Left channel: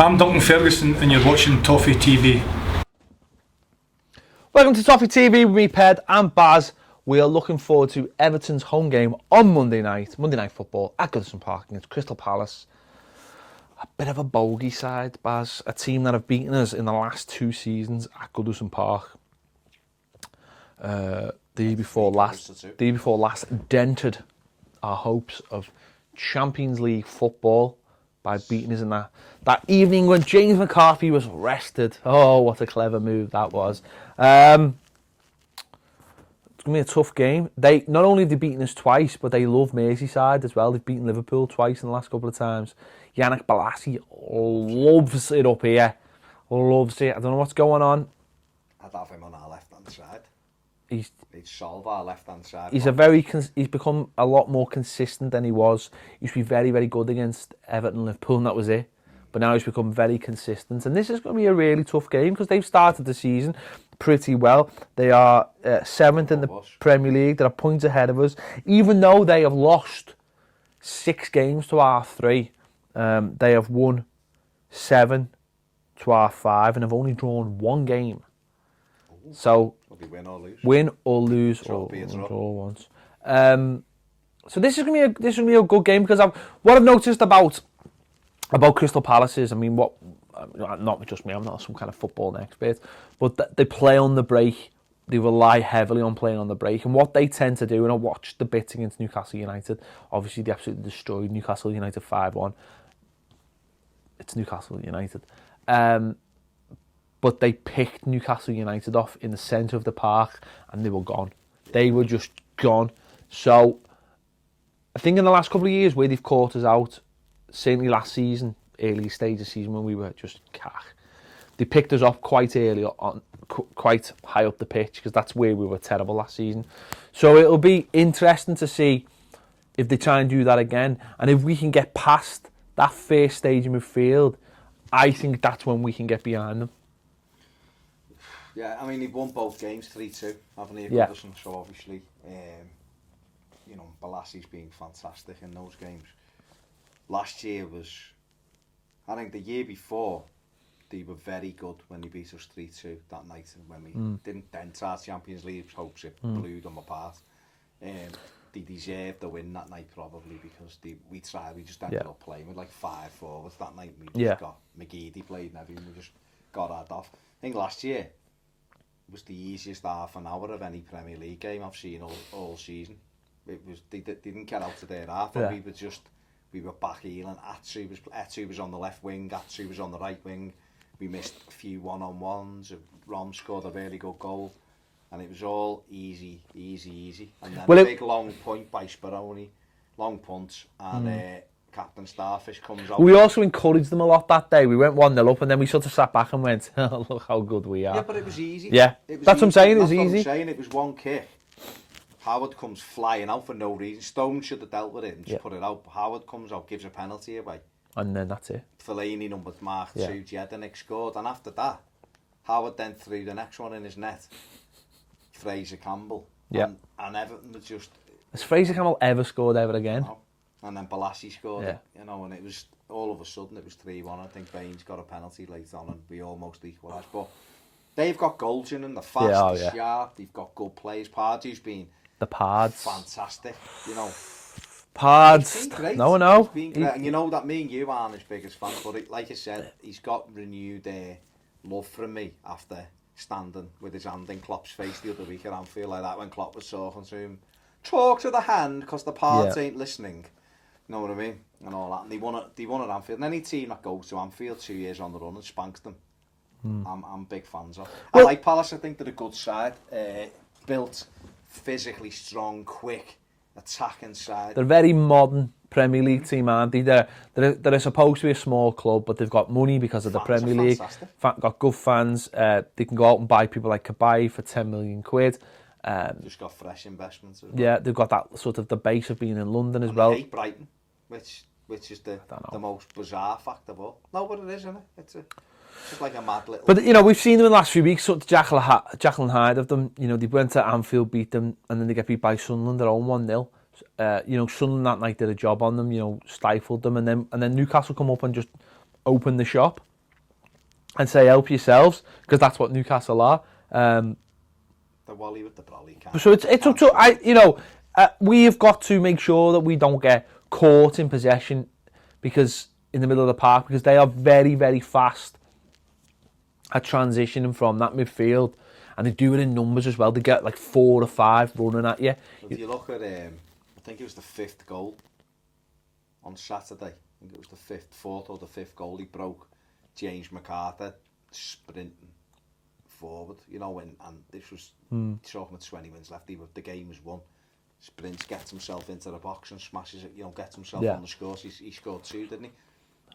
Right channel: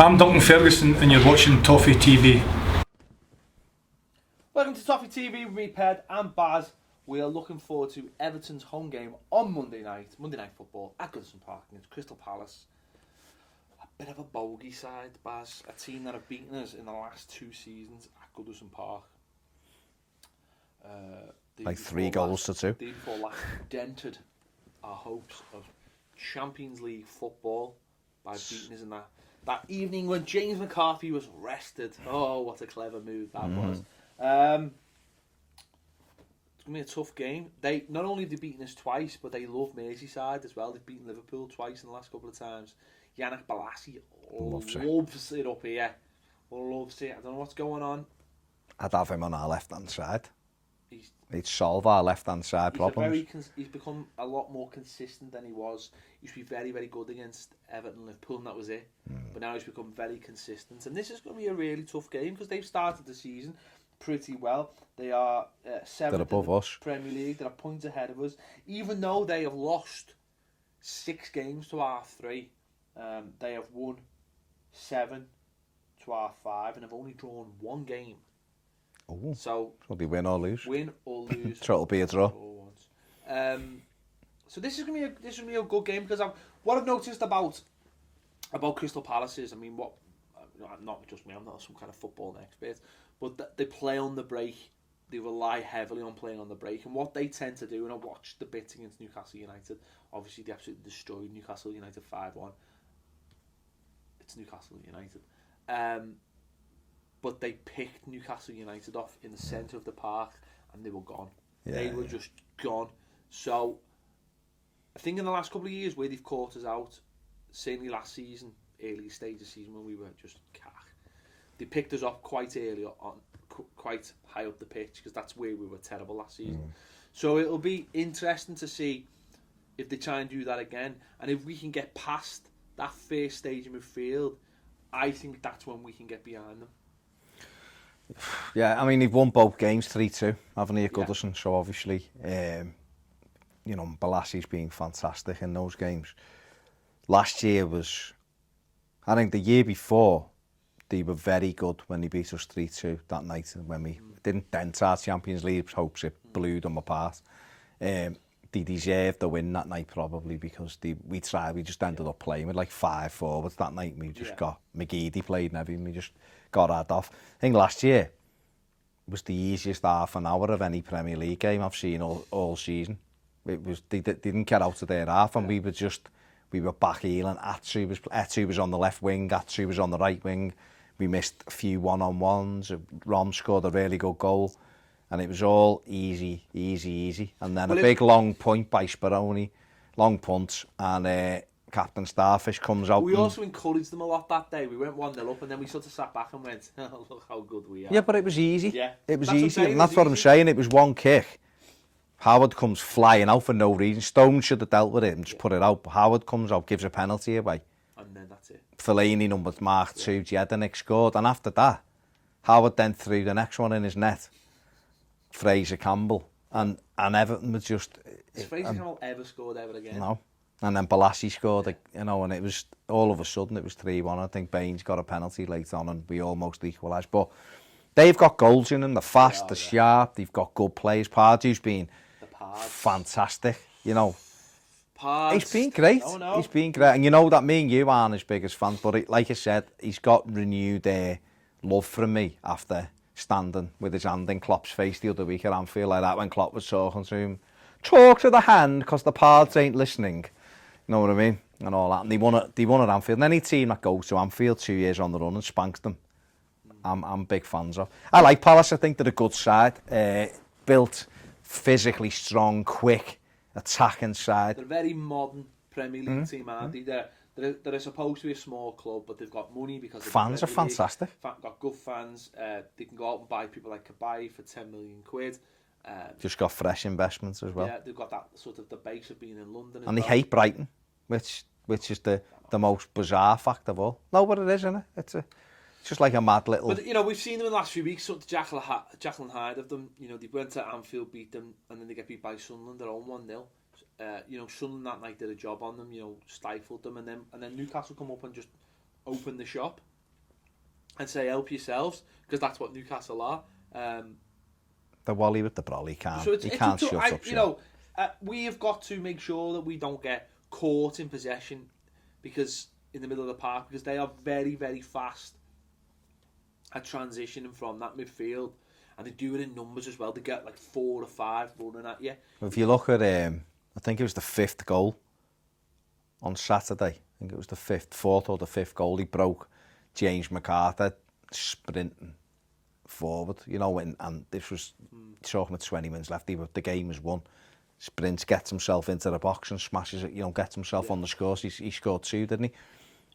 I'm Duncan Ferguson and you're watching Toffee TV. Welcome to Toffee TV with me, Ped and Baz. We are looking forward to Everton's home game on Monday night football at Goodison Park against Crystal Palace. A bit of a bogey side, Baz. A team that have beaten us in the last 2 seasons at Goodison Park. The year before last dented our hopes of Champions League football by beating us in that evening when James McCarthy was rested. Oh, what a clever move that was. It's going to be a tough game. They not only have they beaten us twice, but they love Merseyside as well. They've beaten Liverpool twice in the last couple of times. Yannick Bolasie loves it up here. Loves it. I don't know what's going on. I'd have him on our left-hand side. He'd solve our left-hand side. He's become a lot more consistent than he was. He used to be very, very good against Everton and Liverpool, and that was it. But now he's become very consistent. And this is going to be a really tough game because they've started the season pretty well. They are 7th in the Premier League. They're a point ahead of us. Even though they have lost 6 games to our 3, they have won 7 to our 5 and have only drawn 1 game. Ooh. So will be win or lose. Win or lose. It'll be a draw. Once. So this is gonna be a good game because what I've noticed about Crystal Palace is, I mean, not just me, I'm not some kind of football expert, but they play on the break. They rely heavily on playing on the break, and what they tend to do, and I watched the bits against Newcastle United. Obviously, they absolutely destroyed Newcastle United 5-1. It's Newcastle United. But they picked Newcastle United off in the centre of the park and they were gone. Yeah. They were just gone. So I think in the last couple of years where they've caught us out, certainly last season, early stage of season when we were just cack, they picked us up quite early on, quite high up the pitch because that's where we were terrible last season. So it'll be interesting to see if they try and do that again. And if we can get past that first stage in midfield, I think that's when we can get behind them. Yeah, I mean, they've won both games 3-2, haven't they, at Goodison? So obviously, Bolasie's been fantastic in those games. Last year was, I think the year before, they were very good when they beat us 3-2 that night when we didn't dent our Champions League hopes. It blew them apart. They deserved the win that night probably because we just ended up playing with like 5 forwards that night. We just got McGibbon played and everything. We just got that off. I think last year was the easiest half an hour of any Premier League game I've seen all season. It was they didn't get out of their half, and we were back heeling. Atsu was on the left wing, Atsu was on the right wing. We missed a few one-on-ones. Rom scored a really good goal, and it was all easy. And then a big long point by Speroni, long punt, and Captain Starfish comes out. We also encouraged them a lot that day. We went 1-0 up and then we sort of sat back and went, oh, look how good we are. Yeah, but it was easy. Yeah, it was that's easy. what I'm saying. It was one kick. Howard comes flying out for no reason. Stone should have dealt with it and just put it out. But Howard comes out, gives a penalty away. And then that's it. Fellaini numbered mark 2, Jedinek scored. And after that, Howard then threw the next one in his net. Fraser Campbell. And Everton was just... Has Fraser Campbell ever scored ever again? No. And then Bolasie scored it, and it was all of a sudden it was 3-1. I think Baines got a penalty late on and we almost equalised. But they've got goals in them, they're fast, they're sharp, they've got good players. Pardew's been fantastic, Pards. He's been great. No. He's been great. And that me and you aren't his biggest fans, but like I said, he's got renewed love from me after standing with his hand in Klopp's face the other week at Anfield like that when Klopp was talking to him. Talk to the hand because the Pards ain't listening. You know what I mean? And all that. And they won at Anfield. And any team that goes to Anfield 2 years on the run and spanks them, I'm big fans of. I like Palace. I think they're a good side. Built, physically strong, quick, attacking side. They're a very modern Premier League team, aren't they? They're supposed to be a small club, but they've got money because of the Premier League. Fantastic. Got good fans. They can go out and buy people like Kabay for 10 million quid. Just got fresh investments as well. Yeah, they've got that sort of the base of being in London as well. And they hate Brighton, which is the most bizarre fact of all. No, but it is, isn't it? It's just like a mad little... But, we've seen them in the last few weeks, sort of Jekyll and Hyde of them. They went to Anfield, beat them, and then they get beat by Sunderland, their own 1-0. Sunderland that night did a job on them, stifled them, and then Newcastle come up and just opened the shop. and say help yourselves, because that's what Newcastle are. The Wally with the brolly can't. So it's up to we've got to make sure that we don't get caught in possession because in the middle of the park, because they are very, very fast at transitioning from that midfield, and they do it in numbers as well. They get like 4 or 5 running at you. If you look at, I think it was the 5th goal on Saturday. I think it was the 4th or the 5th goal. He broke James McCarthy sprinting forward, and this was talking with 20 minutes left. The game was won. Sprints, gets himself into the box and smashes it. Gets himself on the scores. He scored 2, didn't he?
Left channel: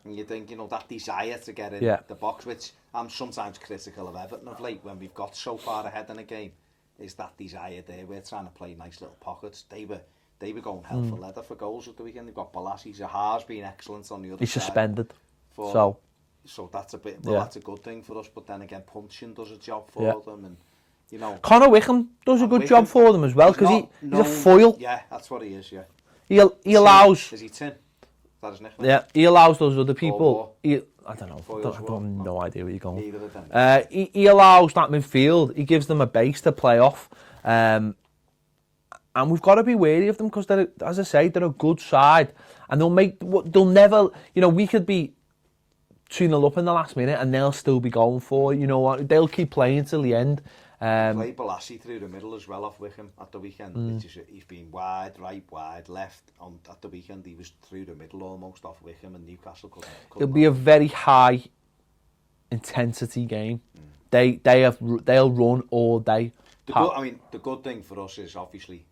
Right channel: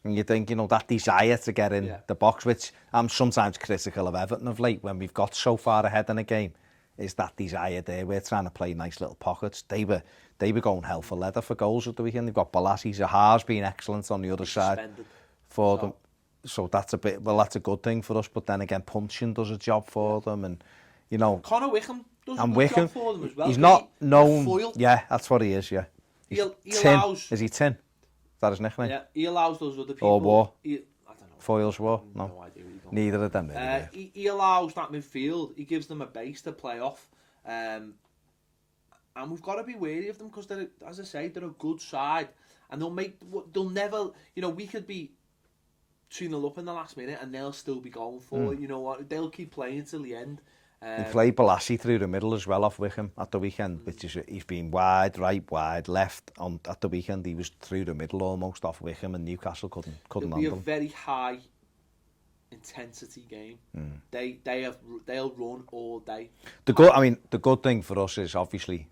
And you think, that desire to get in the box, which I'm sometimes critical of Everton of late when we've got so far ahead in a game, is that desire there. We're trying to play nice little pockets. They were going hell for leather for goals at the weekend. They've got Balassi. Zaha's been excellent on the other side. He's suspended. So that's a bit. Well, that's a good thing for us. But then again, punching does a job for them, and Connor Wickham does a good job for them as well. He's a foil. Yeah, that's what he is. Yeah. He allows. Is he Tin? Is that his nickname? Yeah. He allows those other people. I don't know. Foils war. No idea where you're going. Neither of them. He allows that midfield. He gives them a base to play off. And we've got to be wary of them because, as I say, they're a good side. And they'll never, we could be 2-0 up in the last minute and they'll still be going for it. They'll keep playing till the end. They played Balassi through the middle as well off Wickham at the weekend. He's been wide, right, wide, left. At the weekend, he was through the middle almost off Wickham, and Newcastle couldn't. It'll be a very high intensity game. They'll run all day. The good thing for us is obviously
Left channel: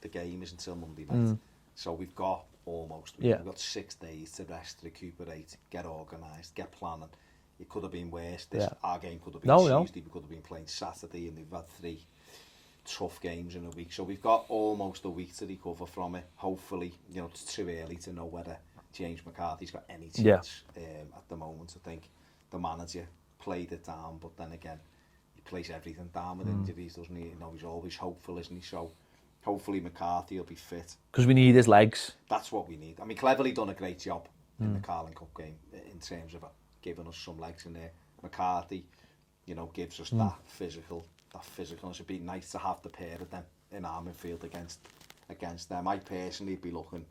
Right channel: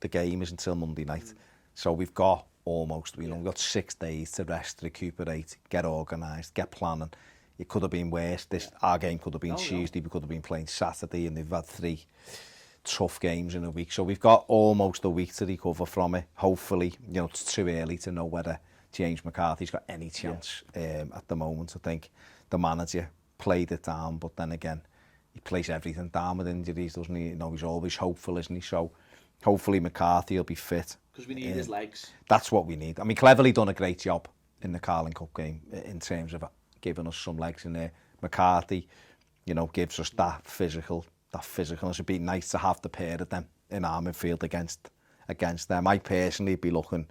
the game is until Monday night, so we've got we've got 6 days to rest, recuperate, get organised, get planning. It could have been worse. Our game could have been Tuesday. We could have been playing Saturday, and they've had 3 tough games in a week. So we've got almost a week to recover from it. Hopefully, it's too early to know whether James McCarthy's got any chance at the moment. I think the manager played it down, but then again, he plays everything down with injuries, doesn't he? He's always hopeful, isn't he? So hopefully McCarthy will be fit. Because we need his legs. That's what we need. I mean, Cleverley done a great job in the Carling Cup game in terms of giving us some legs in there. McCarthy, gives us that physical. It'd be nice to have the pair of them in our midfield against them. I personally be looking,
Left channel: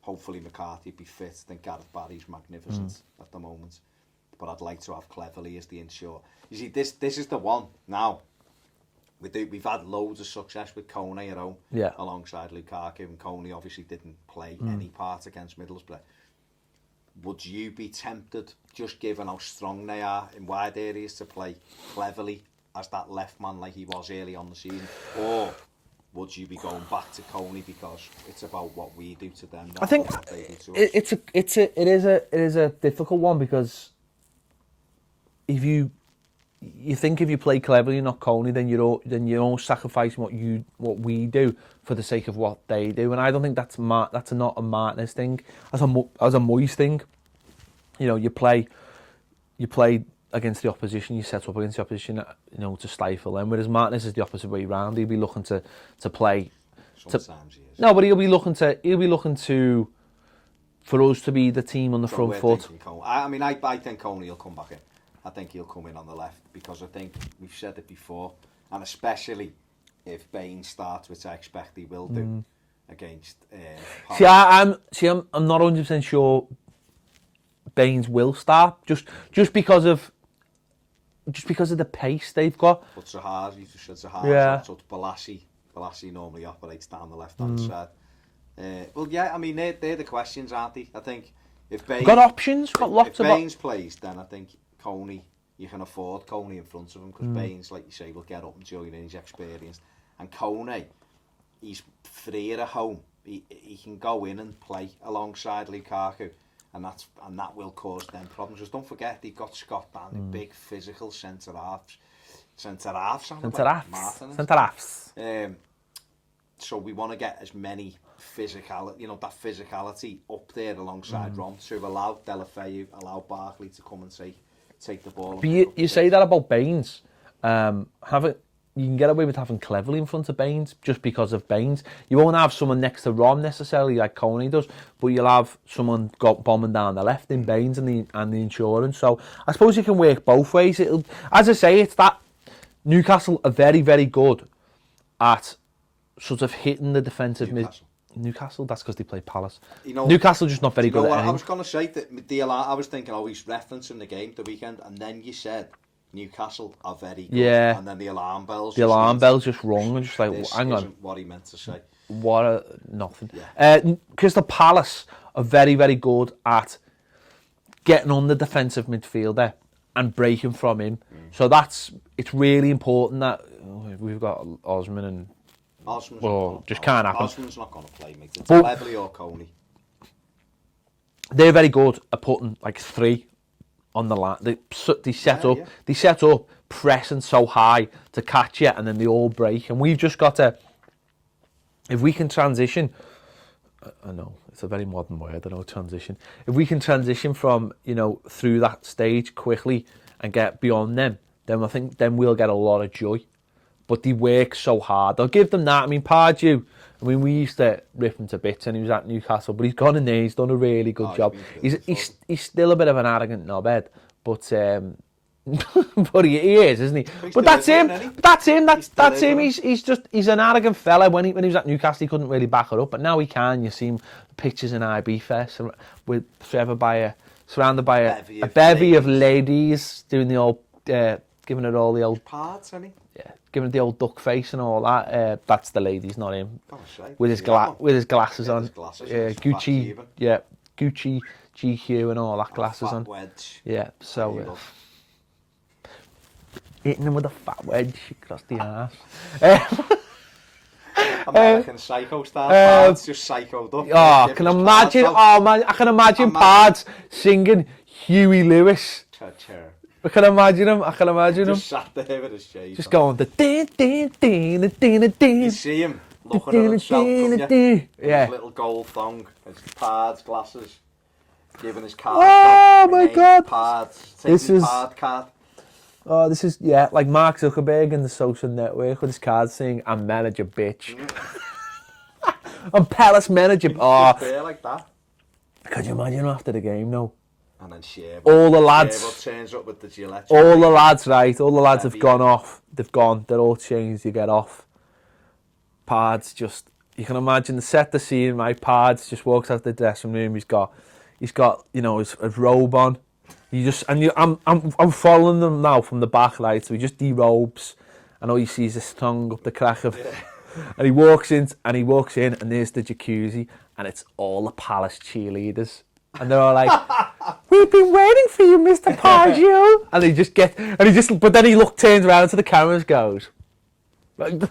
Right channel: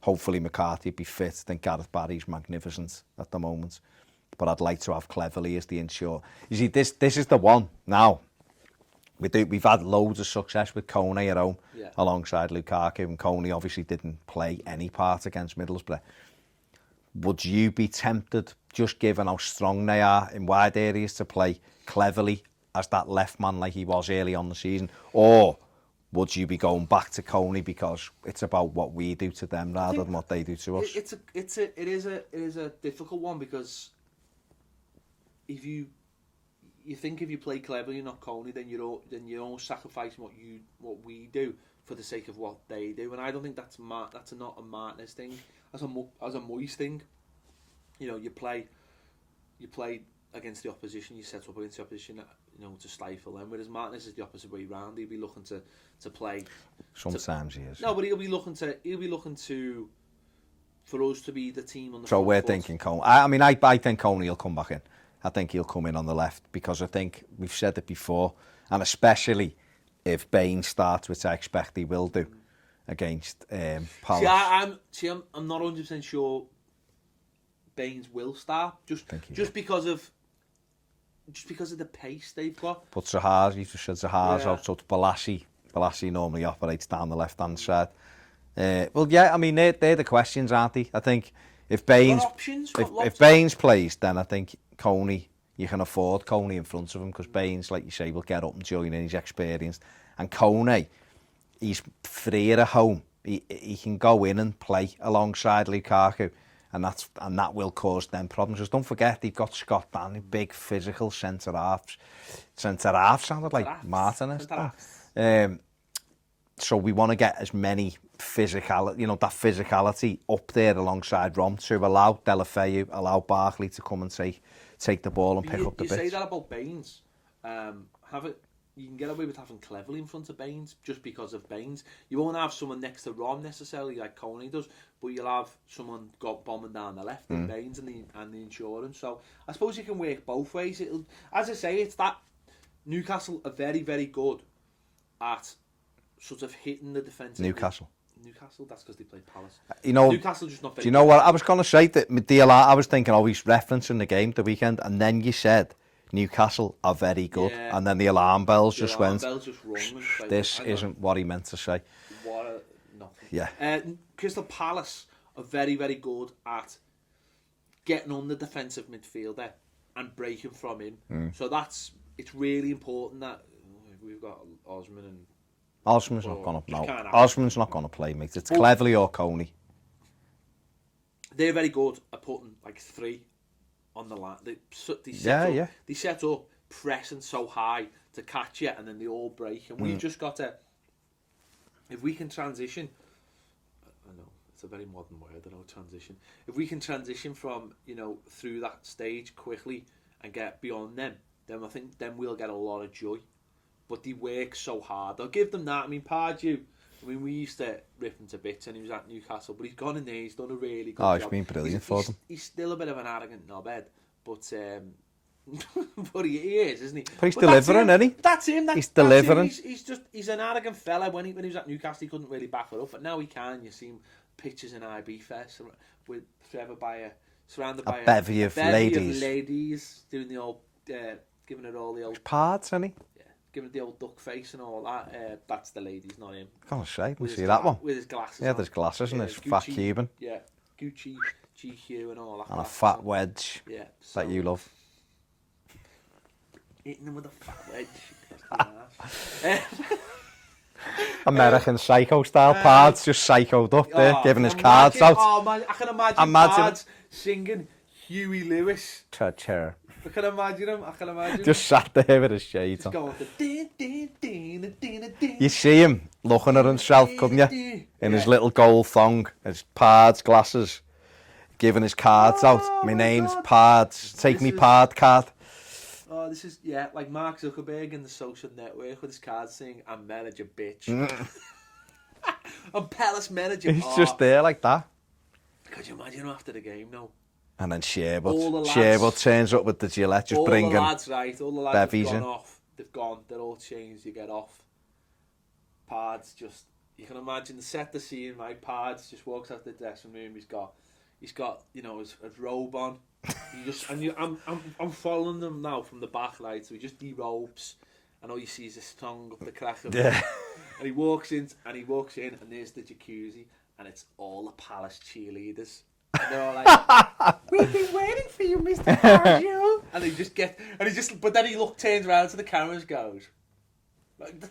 hopefully McCarthy be fit. I think Gareth Barry's magnificent at the moment. But I'd like to have Cleverley as the insure. You see, this is the one now. We've had loads of success with Coney at home alongside Lukaku, and Coney obviously didn't play any part against Middlesbrough. Would you be tempted, just given how strong they are in wide areas, to play Cleverley as that left man like he was early on the season? Or would you be going back to Coney because it's about what we do to them rather than what they do to us? It is a difficult one, because if you think if you play Cleverley and not Coney, then you're sacrificing what we do for the sake of what they do, and I don't think that's not a Martinez thing. As a Moyes thing, you play against the opposition, you set up against the opposition, to stifle them. Whereas Martinez is the opposite way round. He'll be looking to play. Sometimes he is. No, but he'll be looking to for us to be the team on the front foot. So we're thinking Coney. I think Coney will come back in. I think he'll come in on the left, because I think we've said it before, and especially if Baines starts, which I expect he will do against Palace. I'm not 100% sure Baines will start, just because of the pace they've got. But Zaha, you just said Zaha, so it's Balassi. Balassi normally operates down the left-hand side. They're the questions, aren't they? I think if Baines... Got options, if Baines plays, then I think Coney, you can afford Coney in front of him, because Baines, like you say, will get up and join in, his experience. And Coney, he's freer at home. He can go in and play alongside Lukaku, and that will cause them problems. Just don't forget, they've got Scott Danny, big physical centre-halves. Centre-halves sounded like Martinez. Centre-halves. So we want to get as many that physicality up there alongside Rom, to allow Deulofeu, allow Barkley to come and take the ball and pick up the you say that about Baines. you can get away with having Cleverley in front of Baines just because of Baines. You won't have someone next to Rom necessarily like Coney does, but you'll have someone bombing down the left in Baines and the insurance. So I suppose you can work both ways. As I say, it's that Newcastle are very, very good at sort of hitting the defensive Newcastle, that's because they play Palace. Newcastle just not very good. You know what? I was going to say that I was thinking, he's referencing the game the weekend, and then you said Newcastle are very good, and then the alarm bells just rung, and just like, this hang isn't on. what he meant to say. Nothing. Yeah. Crystal Palace are very, very good at getting on the defensive midfielder and breaking from him. So it's really important that we've got Osman and Osman's not going to play, mate. It's Cleverley or Coney. They're very good at putting like 3 on the line. They set up pressing so high to catch you, and then they all break. And we've just got to, if we can transition, I know it's a very modern word, I know, transition. If we can transition from, through that stage quickly and get beyond them, then I think then we'll get a lot of joy. But they work so hard. I'll give them that. I mean, Pardew, we used to rip him to bits and he was at Newcastle, but he's gone in there, he's done a really good job. He's still a bit of an arrogant knobhead, but but he is, isn't he? But that's him. That's him. He's an arrogant fella. When he was at Newcastle, he couldn't really back it up, but now he can. You see him pictures in IB Fest with surrounded by a bevy of ladies doing the old, giving it all the old parts, isn't he? Yeah, giving it the old duck face and all that. That's the ladies, not him. Oh, shit. With his glasses on. His glasses. Gucci. Yeah, Gucci, GQ, and all that glasses fat on. Wedge. Yeah, so you love. Hitting him with a fat wedge across the arse. American Psycho style Pards, just psychoed up. Giving his cards out. I can imagine Pards singing Huey Lewis. Chair. I can imagine him. Just sat there with his shades just on. going the You see him looking at himself, couldn't you? In his little gold thong, his Pards glasses, giving his cards out. My name's Pards. Take me Pard card. Oh, this is, like Mark Zuckerberg in the social network with his cards saying, I'm manager, bitch. I'm Palace manager. He's just there like that. Could you imagine after the game, no? And then Sherwood. All the lads. Sherwood turns up with the Gillette. All the lads have gone off. They've gone. They're all changed. You get off. Pards just, you can imagine, set the scene, right? Pards just walks out the dressing room. He's got, his robe on. I'm following them now from the back, right? So he just derobes, and all you see is his tongue up the crack of, and he walks in, and there's the jacuzzi, and it's all the Palace cheerleaders, and they're all like, "We've been waiting for you, Mr. Pardew," but then he turns around to the cameras, goes,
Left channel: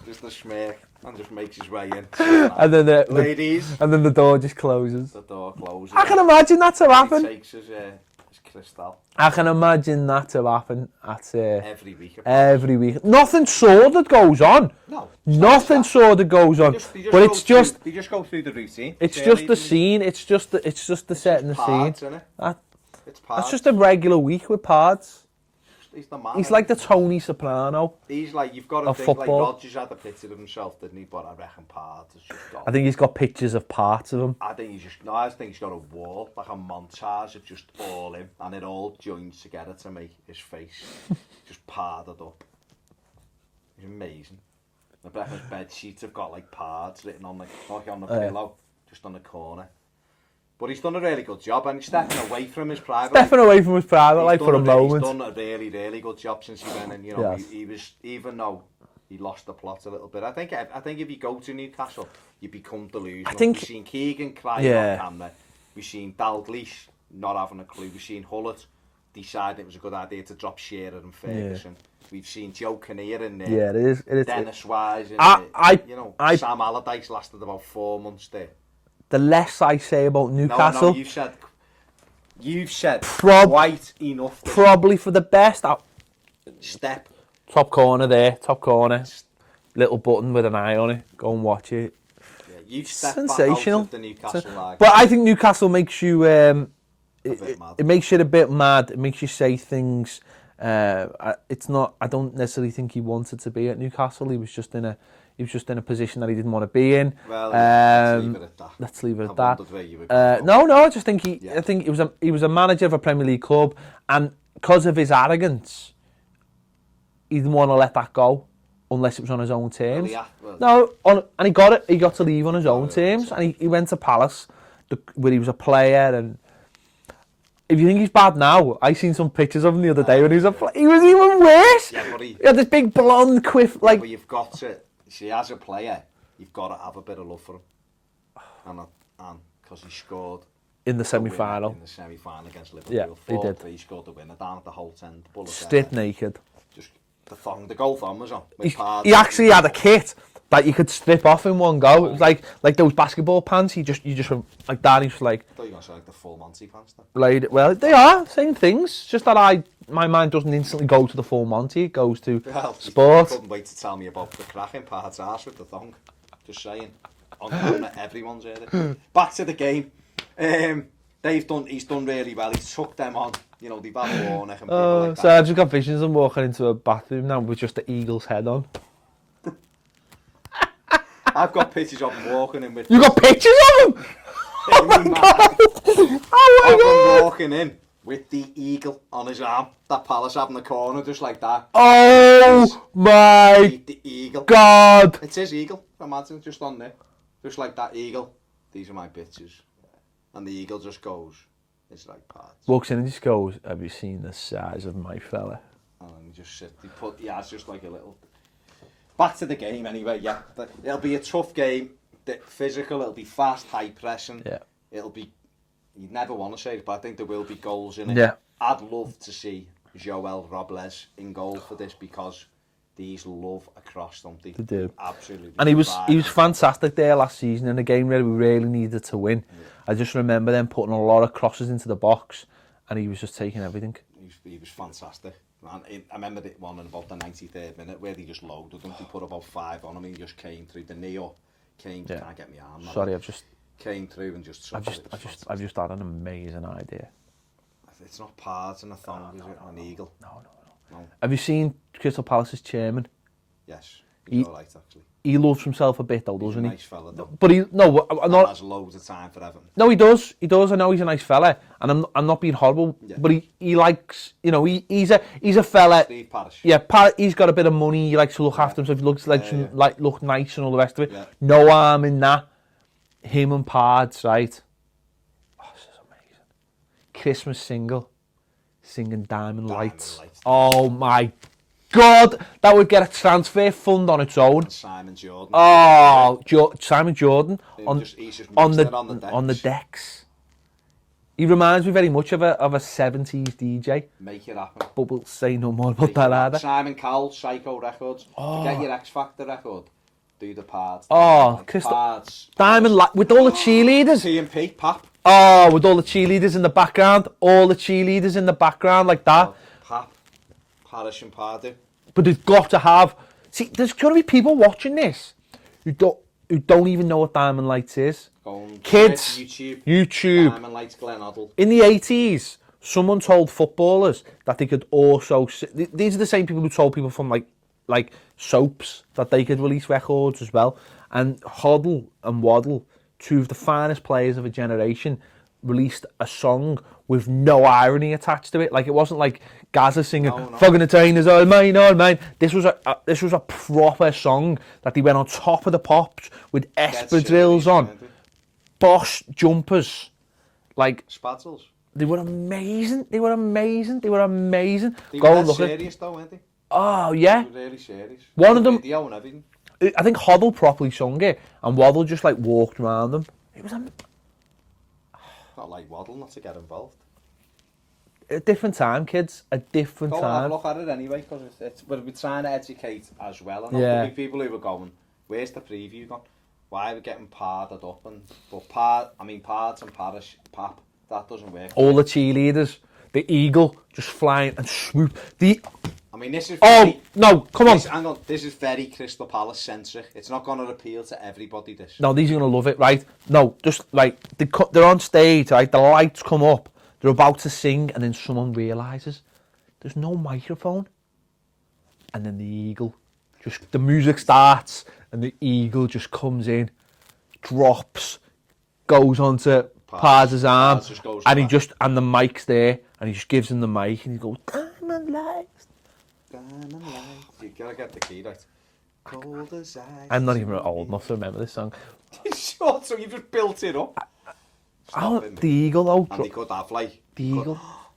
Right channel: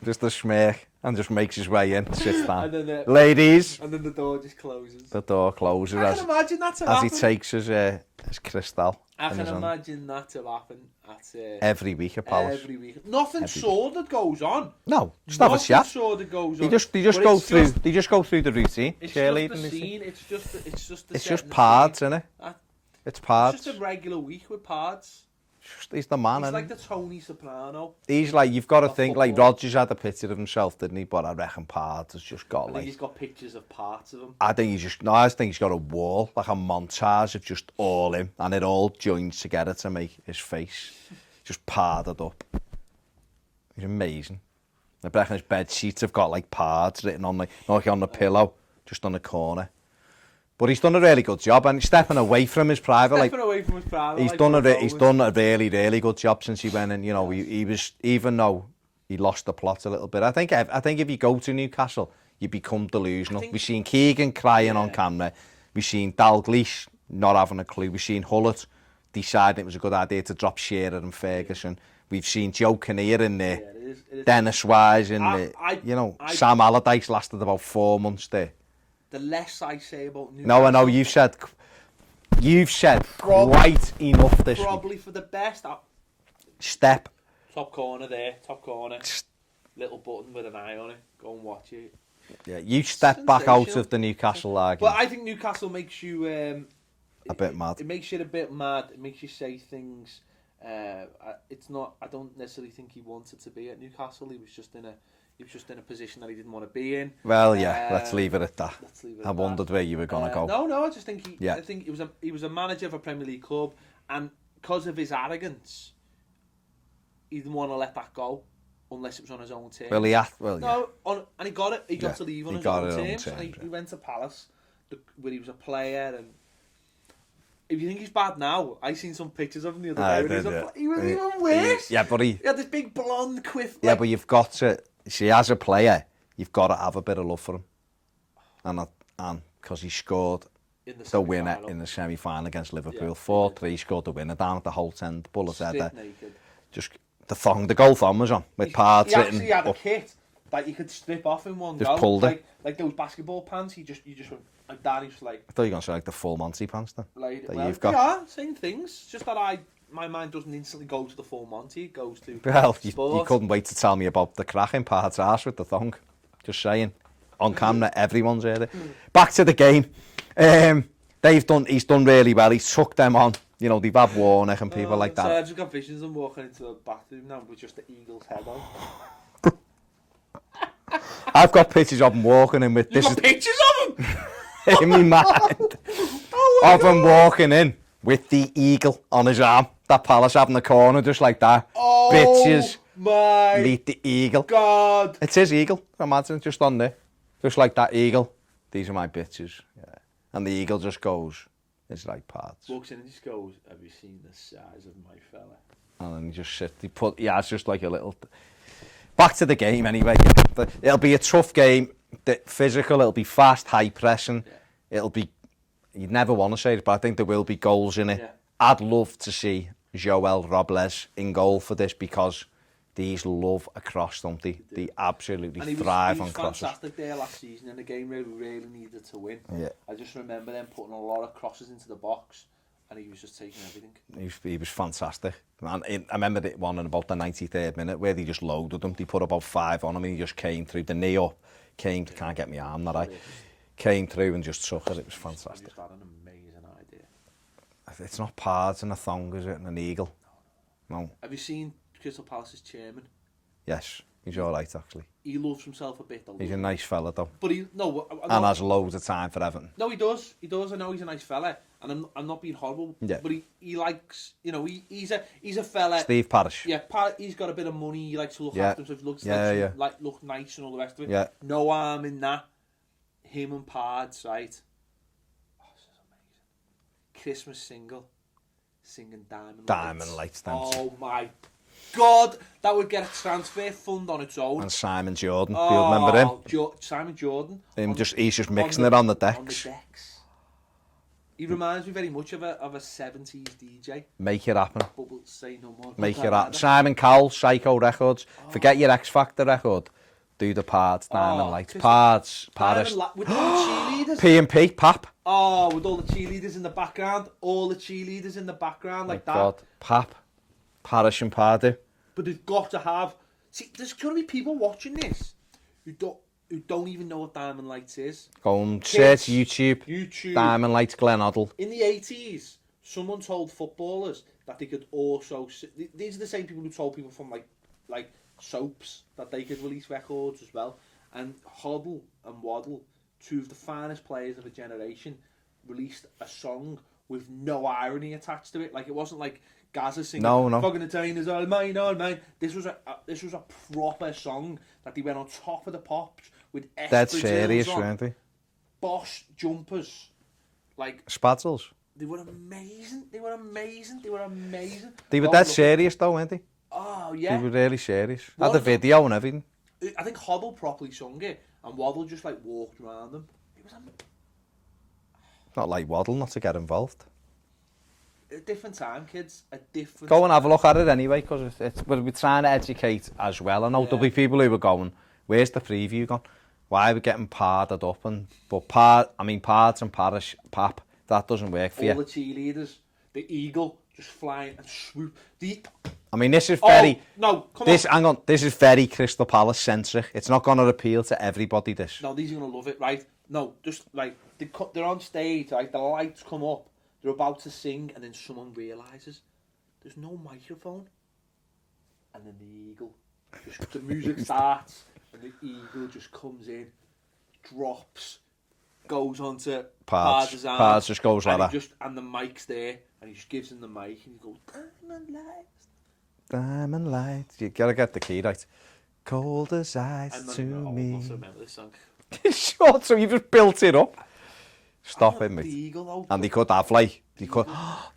just the smirk, and just makes his way in. And then ladies, and then the door just closes. The door closes. I can imagine that to happen. He takes his crystal. I can imagine that to happen at every week. Every week. Nothing sordid goes on. No, nothing sordid goes on. They just go through the routine. It's just the scene. It's just the setting the Pards, scene. Isn't it? It's Pards. It's just a regular week with Pards. He's the man. He's like the Tony Soprano. He's like, you've got to think, like Rodgers had a picture of himself, didn't he? But I reckon Pards has just got. I think he's got pictures of parts of him. I think he's got a wall, like a montage of just all him, and it all joins together to make his face just padded up. He's amazing. I reckon his bed sheets have got like Pards written on, like on the pillow, just on the corner. But he's done a really good job, and he's stepping away from his private life. He's done a really, really good job since he went in. He was, even though he lost the plot a little bit. I think if you go to Newcastle, you become delusional. We've seen Keegan crying on camera. We've seen Dalglish not having a clue. We've seen Hullett deciding it was a good idea to drop Shearer and Ferguson. We've seen Joe Kinnear in there. Yeah, it is. Dennis Wise in there. Sam Allardyce lasted about 4 months there. The less I say about Newcastle... No, you've said quite enough. Probably for the best. Step. Top corner there, top corner. Little button with an eye on it. Go and watch it. Yeah, you step back out of the Newcastle lag. But I think Newcastle makes you... a bit mad. It makes you a bit mad. It makes you say things It's not. I don't necessarily think he wanted to be at Newcastle. He was just in a position that he didn't want to be in. Well, yeah, let's leave it at that. Let's leave it at I that. wondered where you were going to go. No, I just think I think he was a manager of a Premier League club, and because of his arrogance, he didn't want to let that go unless it was on his own terms. And he got it. He got to leave on his own terms, and he went to Palace, where he was a player. And if you think he's bad now, I seen some pictures of him the other day when he was a player. He was even worse. Yeah, but he had this big blonde quiff. Yeah, but you've got to see, as a player, you've got to have a bit of love for him, and because he scored in the semi-final. In the semi-final against Liverpool, 4-3, he scored the winner down at the Holt End, bullet Strip naked. Just the goal thong was on. With he actually had a kit that you could strip off in one go, like those basketball pants. You just went like that. He's like, I thought you were going to say like the full Monty pants then. Well, they are same things. Just that my mind doesn't instantly go to the full Monty. It goes to sport. You couldn't wait to tell me about the crack in Parde's arse with the thong. Just saying, on camera, everyone's heard it. Back to the game. He's done really well. He's took them on. You know, they've had Warnock and people like that. So I've just got visions of him walking into a bathroom now with just the eagle's head on. I've got pictures of him walking in with... You got pictures of him? In my mind. Of him walking in with the eagle on his arm. That Palace having the corner just like that. Oh pictures, my meet the eagle. God. It's his eagle. Imagine, just on there. Just like that eagle. These are my bitches. Yeah. And the eagle just goes... It's like parts. Walks in and just goes, have you seen the size of my fella? And then he just sits. It's just like a little... Back to the game anyway, yeah. It'll be a tough game. Physical, it'll be fast, high pressing. Yeah. It'll be... You'd never want to say it, but I think there will be goals in it. Yeah. I'd love to see Joel Robles in goal for this because these love a cross, don't they? They absolutely. And he was fantastic there last season in a game where we really needed to win. Yeah. I just remember them putting a lot of crosses into the box, and he was just taking everything. He was fantastic. Man, I remember it one in about the 93rd minute where they just loaded him. They put about 5 on him, and he just came through the knee up. Can't get my arm. Came through and just took it. It was fantastic. I've just had an amazing idea. It's not parts and a thong, is it? An eagle. No. Have you seen Crystal Palace's chairman? Yes, he's all right actually. He loves himself a bit though, doesn't he? He's a nice fella though. But and has loads of time for Everton. No, he does. I know he's a nice fella, and I'm not being horrible. Yeah. But he likes, you know, he's a fella. Steve Parish. Yeah, he's got a bit of money. He likes to look after himself. He looks like look nice and all the rest of it. Yeah. No harm in that. Him and Pards, right? Oh, this is amazing. Christmas single, singing Diamond Lights. Oh my God, that would get a transfer fund on its own. And Simon Jordan. Oh, Simon Jordan. He's just mixing it on the decks. On the decks. He reminds me very much of a 70s DJ. Make it happen. But we'll say no more about that either. Simon Cowell, Psycho Records. Forget your X Factor record. Do the parts. Parts. Diamond Light with all the cheerleaders. P&P, Pap. Oh, with all the cheerleaders in the background. All the cheerleaders in the background like that. Pap. Parish and Pardew. But there's got to have... See, there's going to be people watching this who don't even know what Diamond Lights is. Go on, kids, YouTube. Diamond Lights, Glen Hoddle. In the 80s, someone told footballers that they could also... These are the same people who told people from like soaps that they could release records as well. And Hoddle and Waddle, two of the finest players of a generation, released a song with no irony attached to it. Like, it wasn't like Gaza singing Fogging the Trainers, all mine. This was a proper song that they went on top of the pops with espadrilles on. Boss jumpers. Like Spatzels. They were amazing. They were that serious though, weren't they? Oh, yeah. They were really serious. One of them, video and everything. I think Hoddle properly sung it, and Waddle just like walked around them. It was not like Waddle not to get involved. A different time, kids. A different time. Go and have a look at it anyway, because we're trying to educate as well. I know there'll be people who are going, where's the preview gone? Why are we getting parded up? Pards and Parish, Pap, that doesn't work for all the cheerleaders, the eagle just flying and swoop. This is very... no, come on. Hang on, this is very Crystal Palace centric. It's not going to appeal to everybody, this. No, these are going to love it, right? No, just, like, they're on stage, right? The lights come up, they're about to sing, and then someone realises there's no microphone. And then the eagle, the music starts, and the eagle just comes in, drops, goes onto Pardew's arm, and the mic's there, and he just gives him the mic, and he goes, Diamond Lights. Diamond Lights. You gotta get the key right. Cold as ice. I'm not even old enough to remember this song. Short, so you just built it up. Stop it, mate. The eagle, though. And they could have, like,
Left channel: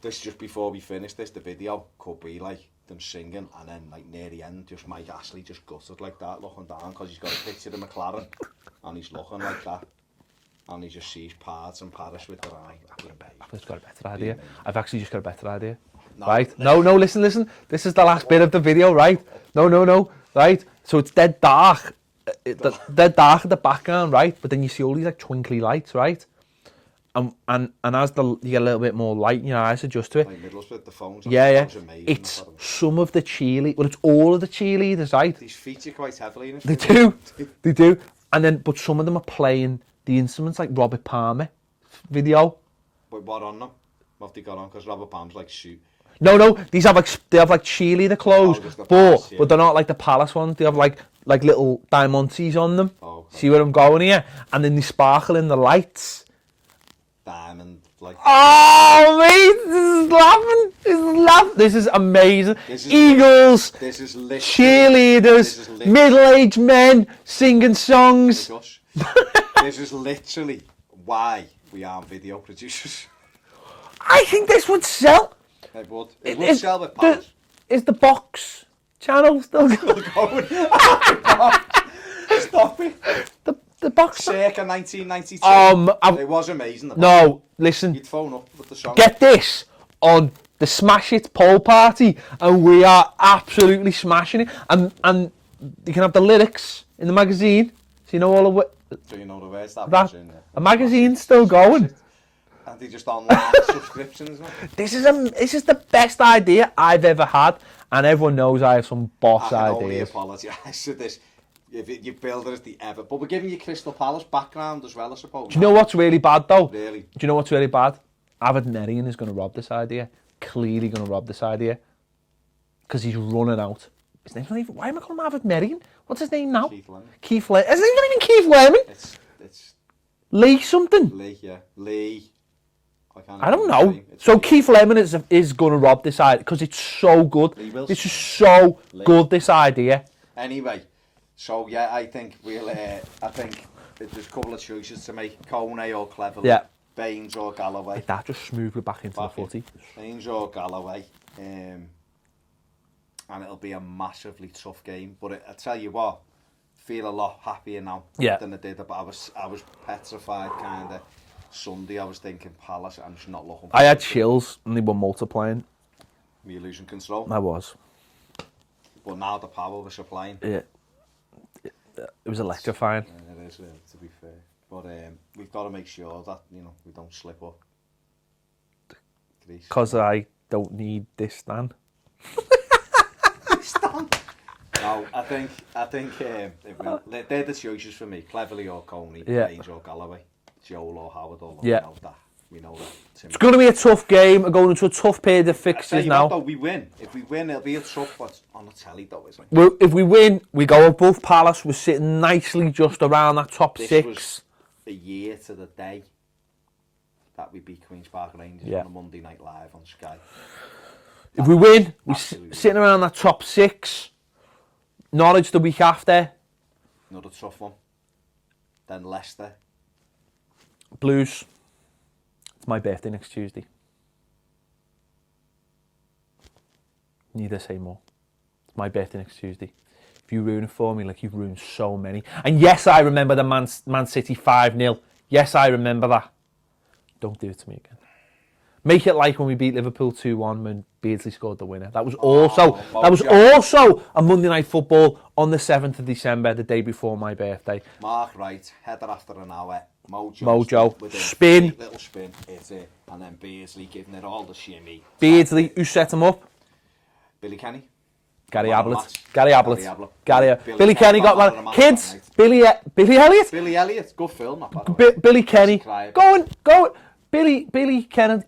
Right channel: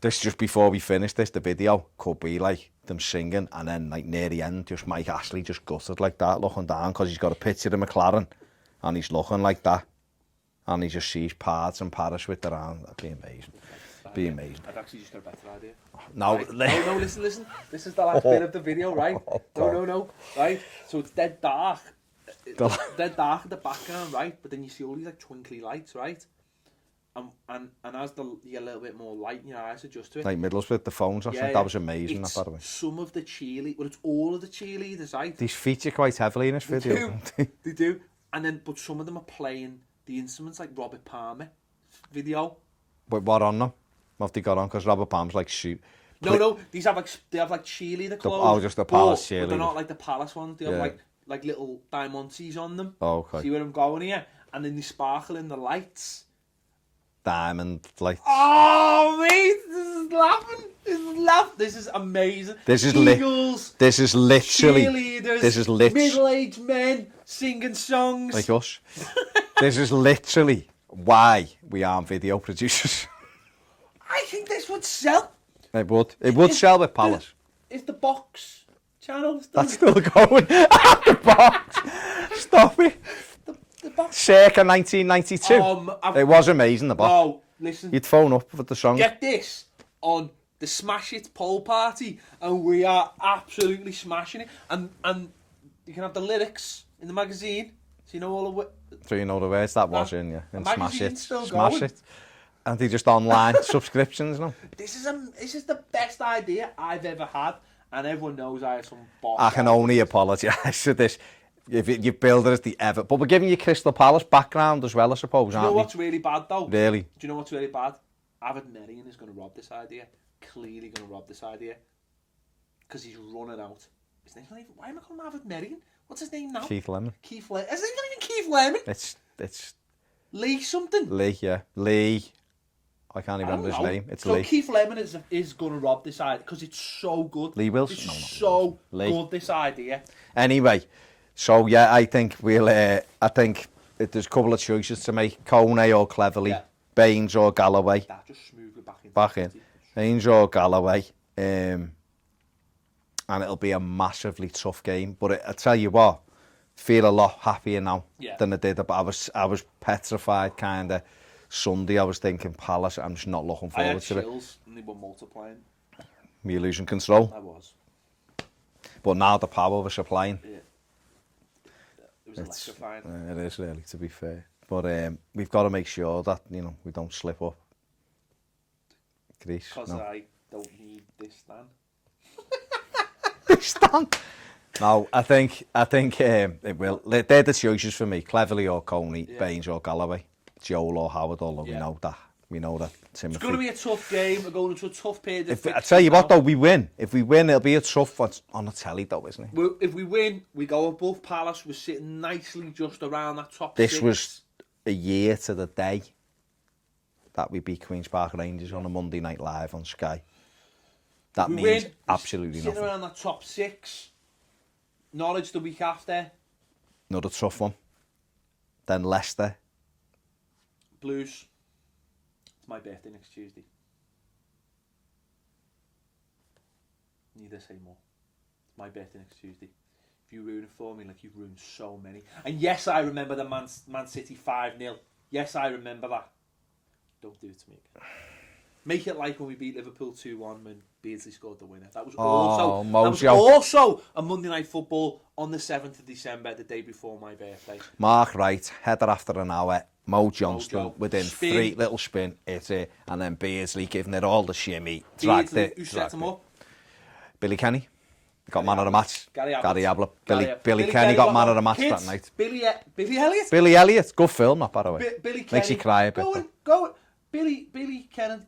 this just before we finish this, the video could be, like, them singing, and then, like, near the end, just Mike Ashley just gutted like that, looking down, because he's got a picture of McLaren, and he's looking like that, and he just sees Pards and Paris with their arm. That'd be amazing. I've got a better idea. I've actually just got a better idea. No, right? No, listen. This is the last bit of the video, right? No, right? So it's dead dark. Dead dark in the background, right? But then you see all these, like, twinkly lights, right? And as you get a little bit more light in your eyes, adjust to it. Like Middlesbrough, the phones. That was amazing. It's some of the cheerleaders. Well, it's all of the cheerleaders, right? These feature quite heavily in this They video. They do. And then, but some of them are playing the instruments, like Robert Palmer video. But what on them? What have they got on? Because Robert Palmer's like shoot. No. They have like cheerleader clothes, but they're not like the Palace ones. They have like little diamantes on them. Oh, okay. See where I'm going here? And then they sparkle in the lights. Diamond light. Oh, mate, this is laughing. This is amazing. This is Eagles. This is literally cheerleaders. This is literally middle-aged men singing songs. like us. This is literally why we aren't video producers. I think this would sell. It would. It would sell with Palace. Is the box channel still going? Stop it. The box. Circa 1992. It was amazing. The box. No, listen. You'd phone up with the song. Get this on the Smash It poll party, and we are absolutely smashing it. And you can have the lyrics in the magazine, so you know all of it. So you know the words that was in, yeah. The magazine's still going. And they just online subscriptions now. This is the best idea I've ever had, and everyone knows I have some boss ideas. I can only apologise for this. If you build it as the ever, but we're giving you Crystal Palace background as well, I suppose. Do you know what's really bad though? Really? Do you know what's really bad? Merrigan is going to rob this idea. Clearly going to rob this idea because he's running out. His name's not even. Why am I calling him Merrigan? What's his name now? Keith Lemon. Keith Lemon. His name's not even Keith Lemon. It's Lee something. Lee, yeah. Lee. I don't know. So Lee. Keith Lemon is going to rob this idea because it's so good. Lee Wilson. It's so good, this idea. Anyway, so yeah, I think there's a couple of choices to make. Coney or Cleverly. Yeah. Baines or Galloway. That just smoothly back into the footy. Baines or Galloway. And it'll be a massively tough game. But I tell you what, feel a lot happier now than I did. But I was petrified kind of. Sunday I was thinking Palace, I'm just not looking forward to it. I had chills and they were multiplying. Were you losing control? I was. But now the power we're supplying. Yeah. It was electrifying. It is really, to be fair. But we've got to make sure that, we don't slip up. Because I don't need this stand. Stand? No, I think it will. They're the choices for me. Cleverly or Coney, Baines or Galloway. Joel or Howard, we know that. It's going to be a tough game. We're going into a tough period of fixtures now. I tell you what, though, we win. If we win, it'll be a tough one on the telly, though, isn't it? Well, if we win, we go above Palace. We're sitting nicely just around that top six. This was a year to the day that we beat Queen's Park Rangers on a Monday Night Live on Sky. If we win, we're sitting around that top six. Norwich the week after. Another tough one. Then Leicester. Blues. It's my birthday next Tuesday. Need I say more? It's my birthday next Tuesday. If you ruin it for me, like you've ruined so many. And yes, I remember the Man City 5-0. Yes, I remember that. Don't do it to me again. Make it like when we beat Liverpool 2-1 when Beardsley scored the winner. That was also a Monday Night Football on the 7th of December, the day before my birthday. Mark Wright, header after an hour. Mojo within spin. 3 little spin, hit it, and then Beardsley giving it all the shimmy. Beardsley, who set him up? Billy Kenny. Gary Ablett. Billy Kenny got man of the match Kids, that night. Billy Elliot. Billy Elliot, good film, not by the way. Billy Kenny. Go on. Billy Kennedy.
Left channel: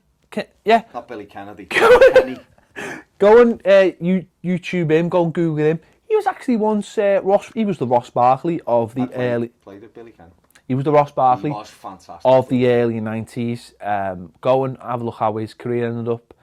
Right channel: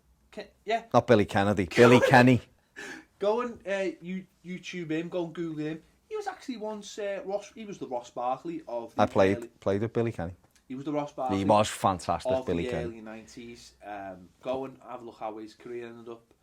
Yeah. Not Billy Kennedy. Billy Kenny. Go and YouTube him, go and Google him. He was actually once he was the Ross Barkley of the early. Played with Billy Kenny. He was the Ross Barkley. He was fantastic. Of the early 90s. Go and have a look how his career ended up.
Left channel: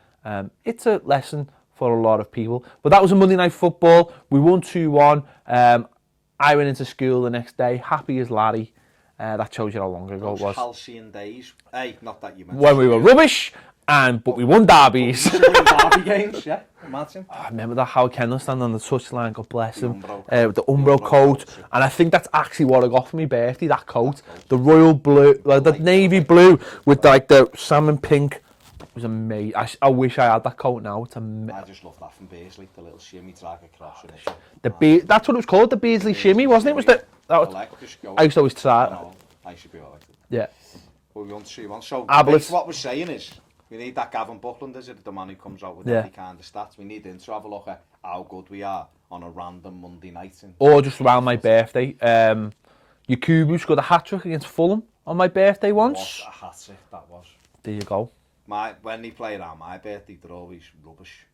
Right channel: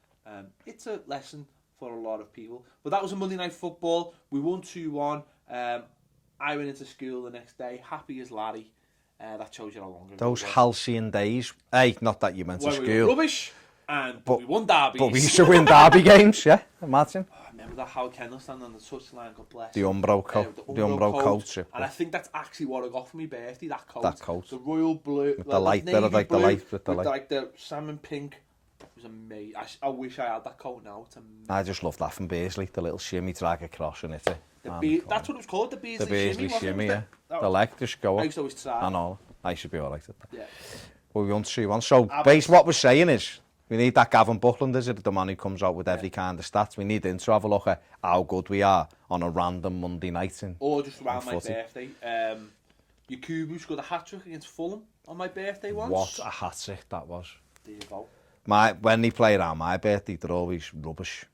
It's a lesson for a lot of people. But that was a Monday Night Football. We won 2-1. I went into school the next day, happy as Larry. That shows you how long ago Those it was. halcyon days. Hey, not that you meant when we were rubbish, but we won derbies. We used to win derby games, yeah. Imagine. I remember that Howard Kendall standing on the touchline, God bless The him. Umbro coat. The Umbro coat. Yeah. And I think that's actually what I got for my birthday, that coat. The royal blue, the navy blue with like the salmon pink. It was amazing. I wish I had that coat now. It's amazing. I just love that from Beardsley, the little shimmy drag across and it. That's what it was called, the Beardsley shimmy, wasn't it? Was the leg just going. I used to always try it. I should be alright. Yeah. Well, we want to see one. So, basically what we're saying is, we need that Gavin Buckland, is it? The man who comes out with every kind of stats. We need him to have a look at how good we are on a random Monday night. Or just around my birthday. Yakubu scored a hat-trick against Fulham on my birthday once. What a hat-trick that was. There you go. When they play around my birthday, they're always rubbish.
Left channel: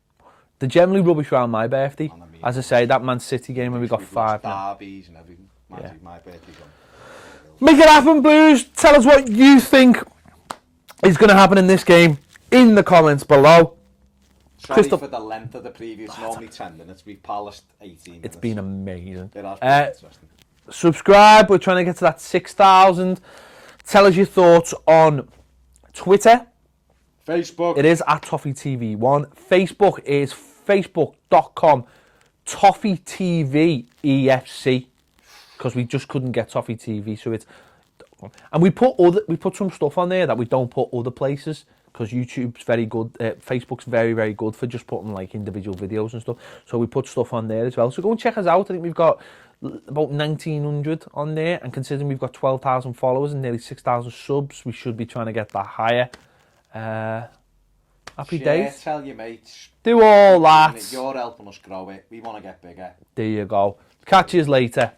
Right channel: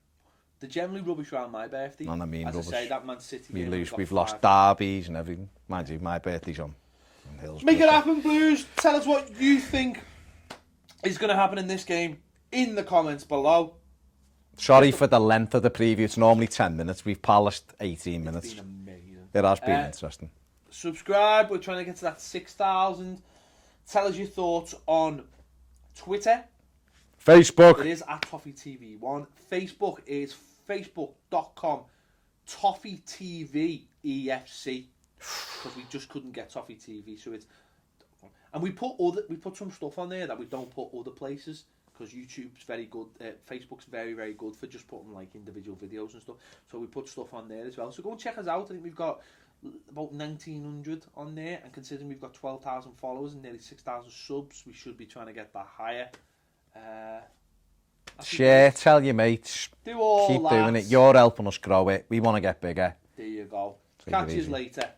They're generally rubbish around my birthday. And I mean as rubbish. I say, that Man City game where we got 5. We've lost derbies and everything. Mind you, my birthday's on. Make it happen, Blues. Tell us what you think is going to happen in this game in the comments below. Sorry for the length of the preview. It's normally 10 minutes. We've polished 18 minutes. It's been amazing. It has been interesting. Subscribe. We're trying to get to that 6,000. Tell us your thoughts on Twitter. Facebook. It is at Toffee TV 1. Facebook is facebook.com Toffee TV EFC. Because we just couldn't get Toffee TV, so it's, and we put some stuff on there that we don't put other places, because YouTube's very good, Facebook's very, very good for just putting like individual videos and stuff, so we put stuff on there as well. So go and check us out. I think we've got about 1,900 on there, and considering we've got 12,000 followers and nearly 6,000 subs, we should be trying to get that higher. Happy Share, days. tell your mates. Do all that. You're helping us grow it. We want to get bigger. There you go. Catch you later.